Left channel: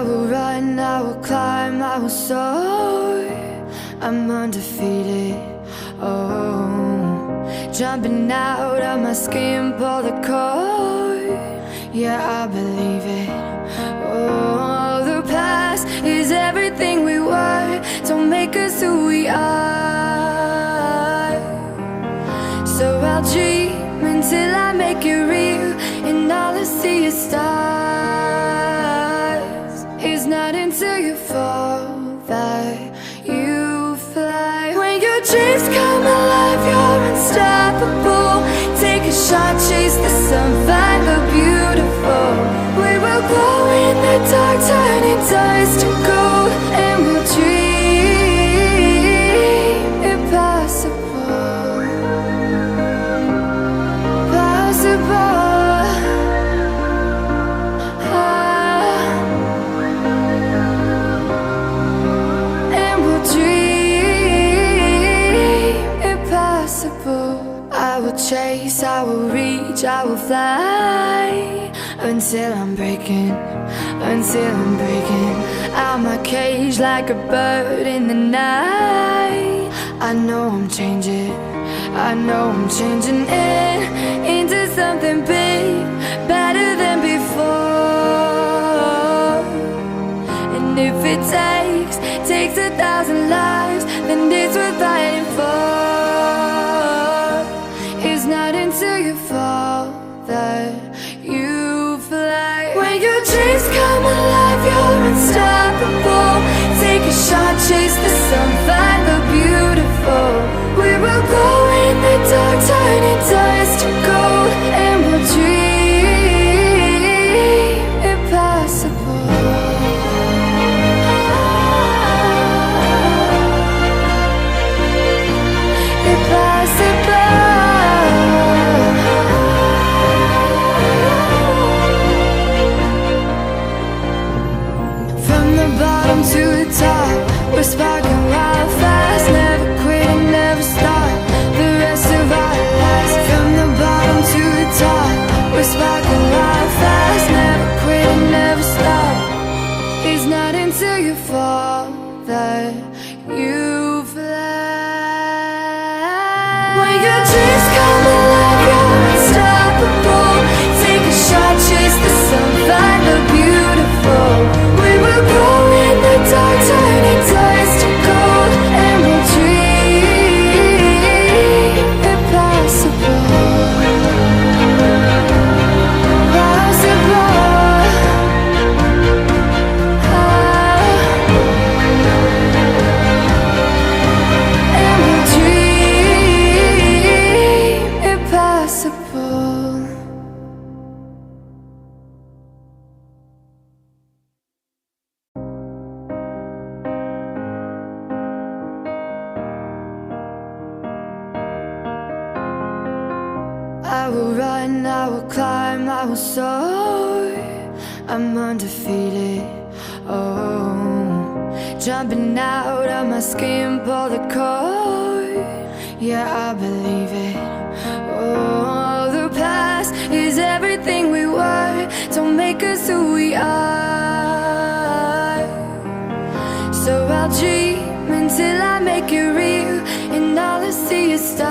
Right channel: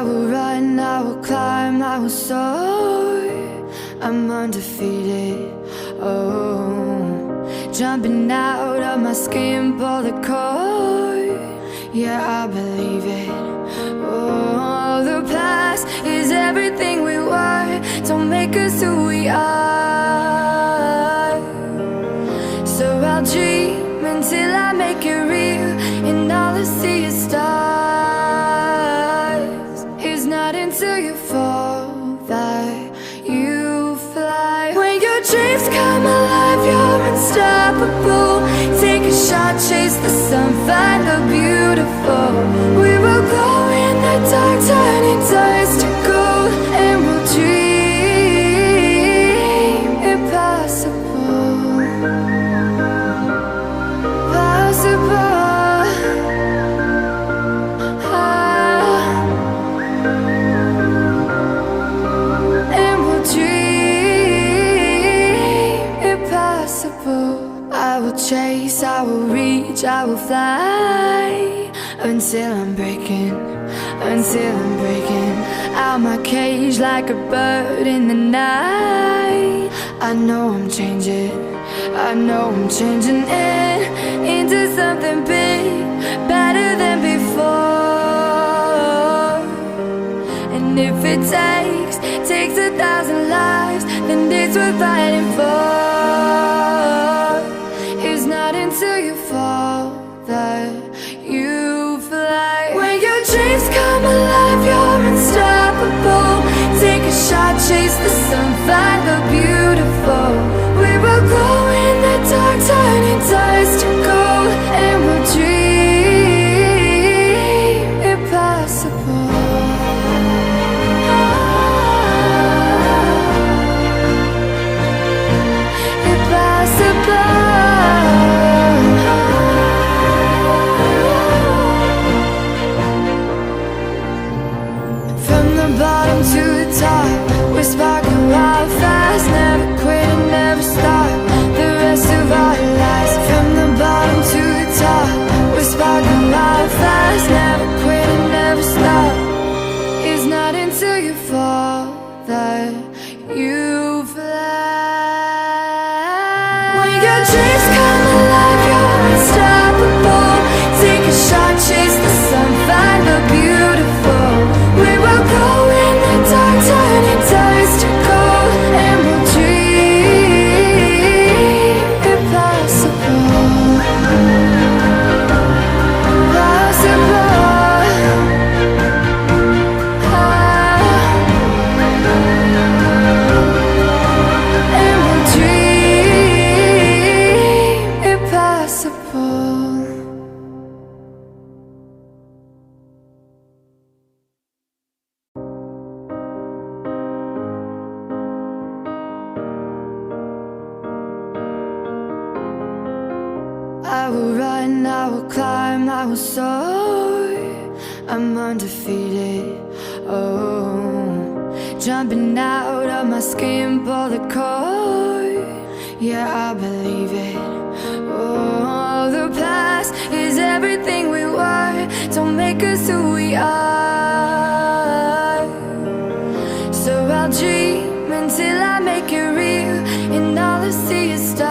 I will run, I will climb, I will soar. I'm undefeated, oh. Jumping out of my skin, pull the cord. Yeah, I believe it. Oh, the past is everything we were. Don't make us who we are. So I'll dream until I make it real, and all I see is stars. It's not until you fall that you fly. When your dreams come alive, you're unstoppable. Take a shot, chase the sun, find the beautiful. We will glow in the dark, turning dust to gold, and we'll dream impossible. Possible. And we'll dream impossible. I will chase, I will reach, I will fly until I'm breaking out my cage like a bird in the night. I know I'm changing into something big, better than before. And if it takes 1,000 lives, then it's worth fighting for. It's not until you fall that you fly. When your dreams come alive, you're unstoppable. Take a shot, chase the sun, find the beautiful. We will go in the dark, turning dust to gold, and we'll dream impossible. Impossible. From the bottom to the top, we're sparking wild fast. Never quit and never stop the rest of our lives. From the bottom to the top, we're sparking wild fast. Never quit and never stop. It's not until you fall that you fly. When your dreams come alive, you're unstoppable. Take a shot, chase the sun, find the beautiful. We will go in the dark, turning dust to gold, and we'll dream impossible. Possible. And we'll dream impossible. I will run, I will climb, I will soar. I'm undefeated, oh. Jumping out of my skin, pull the cord. Yeah, I believe it. Oh, the past is everything we were. Don't make us who we are. So I'll dream until I make it real, and all I see is stars.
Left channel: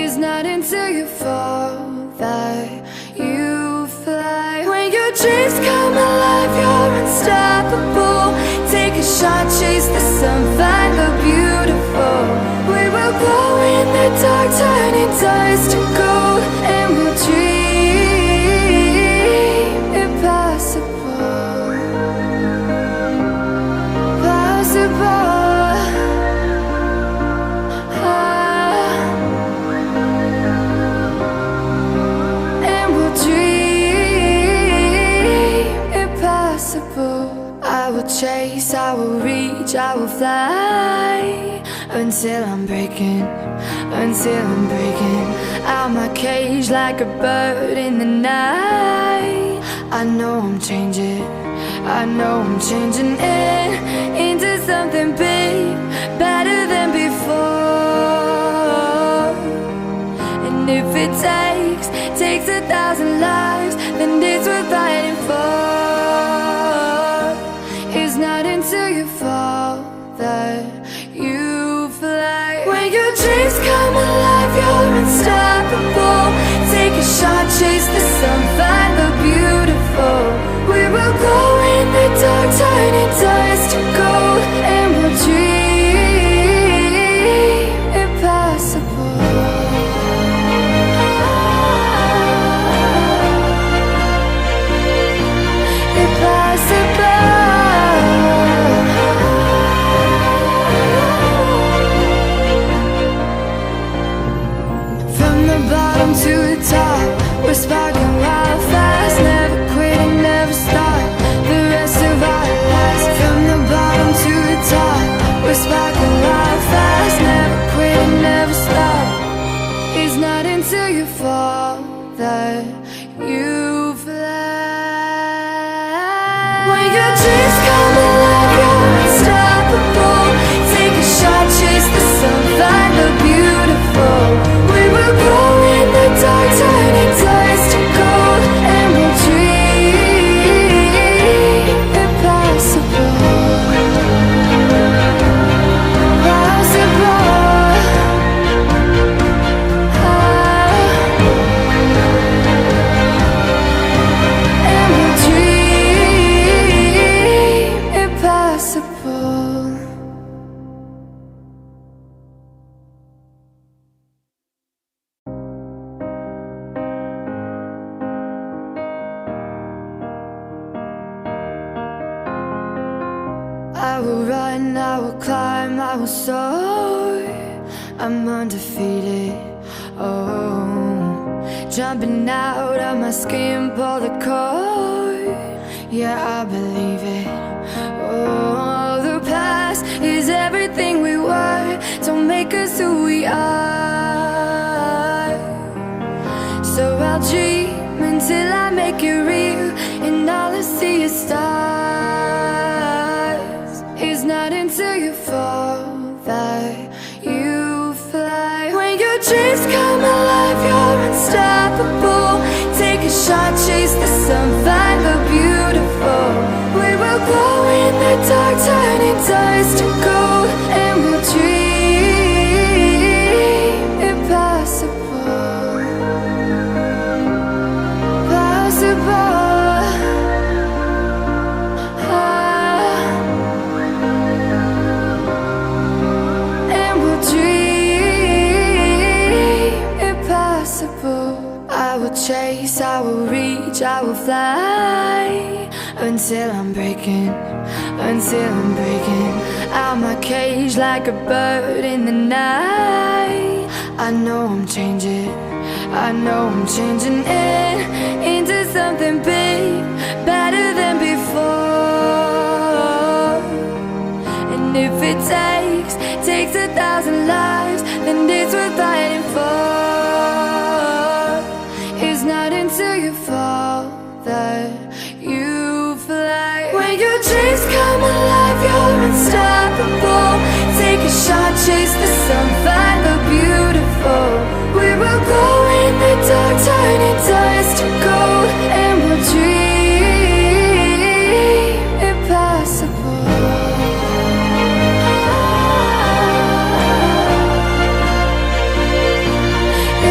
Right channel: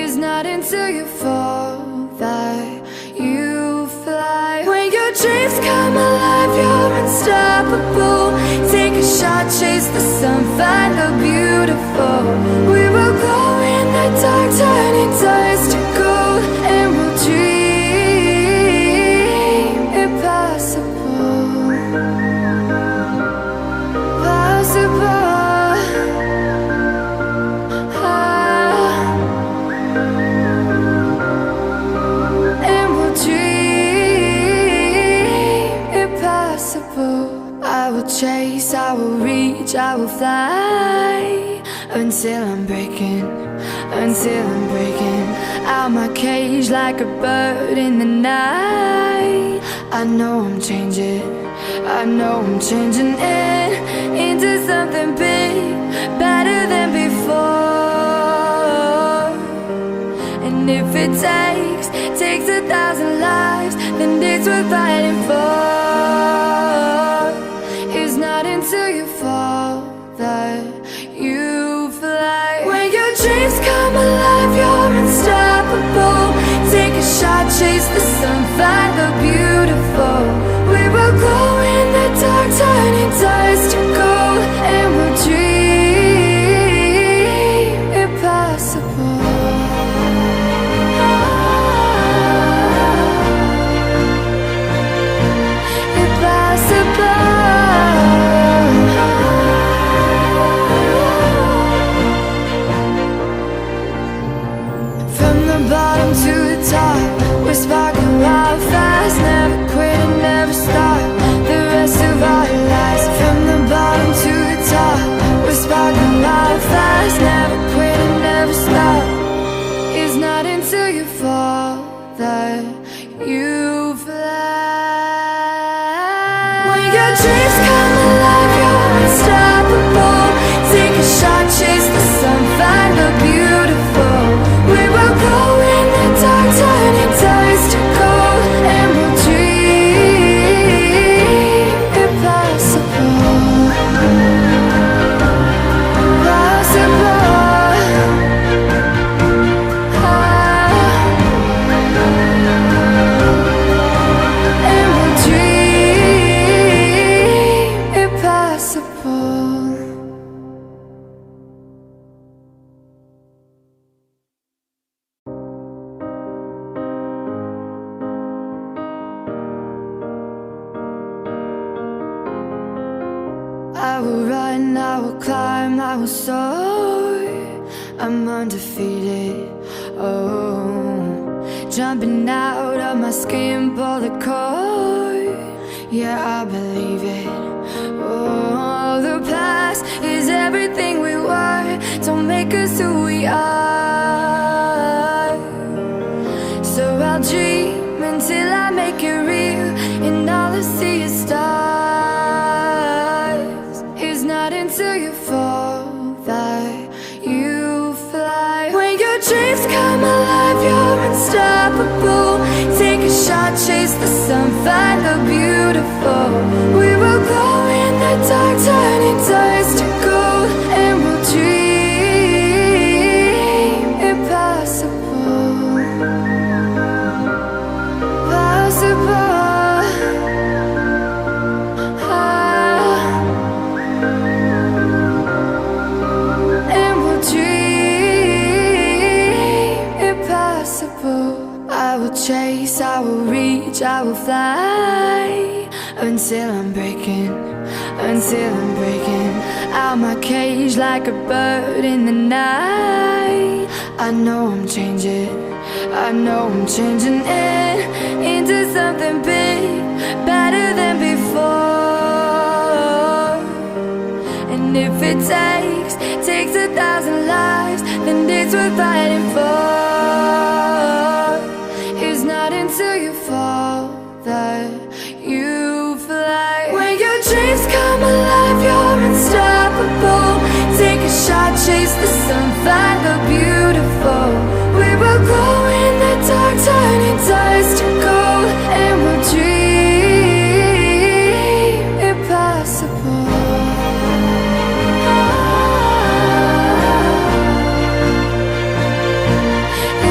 It's not until you fall that you fly. When your dreams come alive, you're unstoppable. Take a shot, chase the sun, find the beautiful. We will glow in the dark, turning dust to gold, and we'll dream impossible. Possible. I will chase, I will reach, I will fly until I'm breaking out my cage like a bird in the night. I know I'm changing into something big, better than before. And if it takes 1,000 lives, then it's worth fighting for. It's not until you fall that you fly. When your dreams come alive, you're unstoppable. Take a shot, chase the sun, find the beautiful. We will glow in the dark, turning dust to gold, and we'll dream impossible. From the bottom to the top, we're sparking wild fast. Never quit and never stop the rest of our lives. From the bottom to the top, we're sparking wild fast. Never quit and never stop. It's not until you fall that you fly. When your dreams come alive, you're unstoppable. Take a shot, chase the sun, find the beautiful. We will glow in the dark, turning dust to gold, and we'll dream impossible. Possible. And we'll dream impossible. I will run, I will climb, I will soar. I'm undefeated, oh. Jumping out of my skin, pull the cord. Yeah, I believe it. Oh, the past is everything we were. Don't make us who we are. So I'll dream until I make it real, and all I see is stars. It's not until you fall that you fly. When your dreams come alive, you're unstoppable. Take a shot, chase the sun, find the beautiful. We will glow in the dark, turning dust to gold, and we'll dream impossible. Possible. I will chase, I will reach, I will fly until I'm breaking out my cage like a bird in the night. I know I'm changing into something big, better than before. And if it takes 1,000 lives, then it's worth fighting for. It's not until you fall that you fly. When your dreams come alive, you're unstoppable. Take a shot, chase the sun, find the beautiful. We will glow in the dark, turning dust to gold, and we'll dream impossible.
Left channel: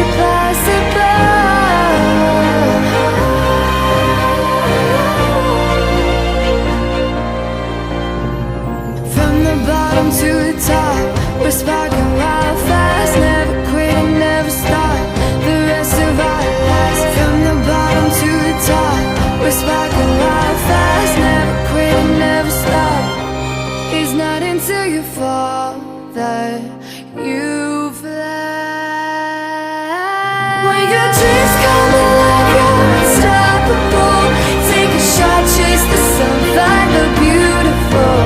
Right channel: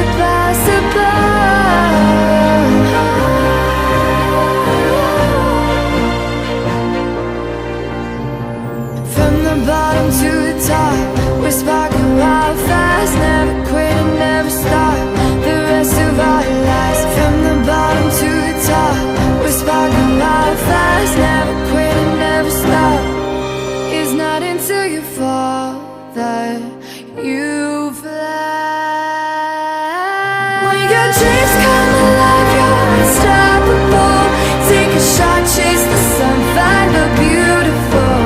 Impossible. From the bottom to the top, we're sparking wild fast. Never quit and never stop the rest of our lives. From the bottom to the top, we're sparking wild fast. Never quit and never stop. It's not until you fall that you fly. When your dreams come alive, you're unstoppable. Take a shot, chase the sun, find the beautiful.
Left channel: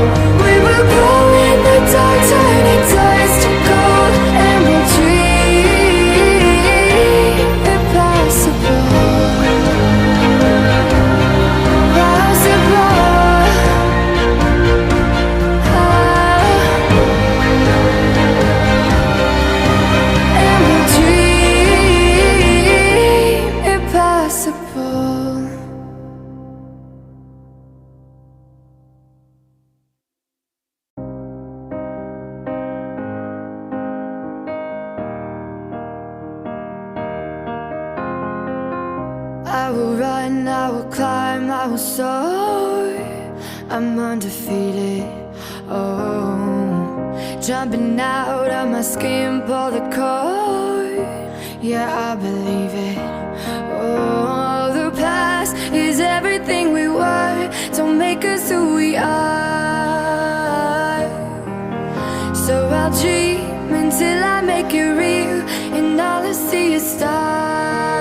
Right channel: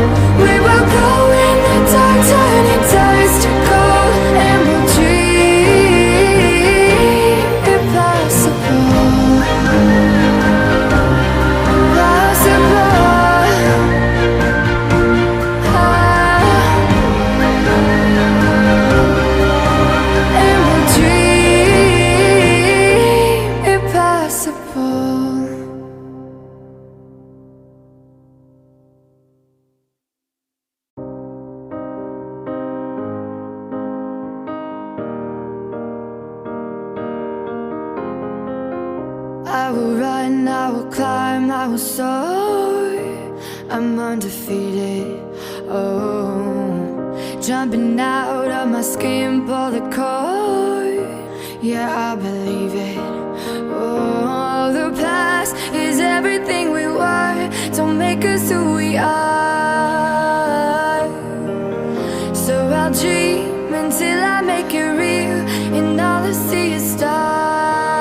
We will glow in the dark, turning dust to gold, and we'll dream impossible. Possible. invincible. I will run, I will climb, I will soar. I'm undefeated. Oh, jumping out of my skin, pull the cord. Yeah, I believe it. Oh, the past is everything we were. Don't make us who we are. So I'll dream until I make it real, and all I see is stars.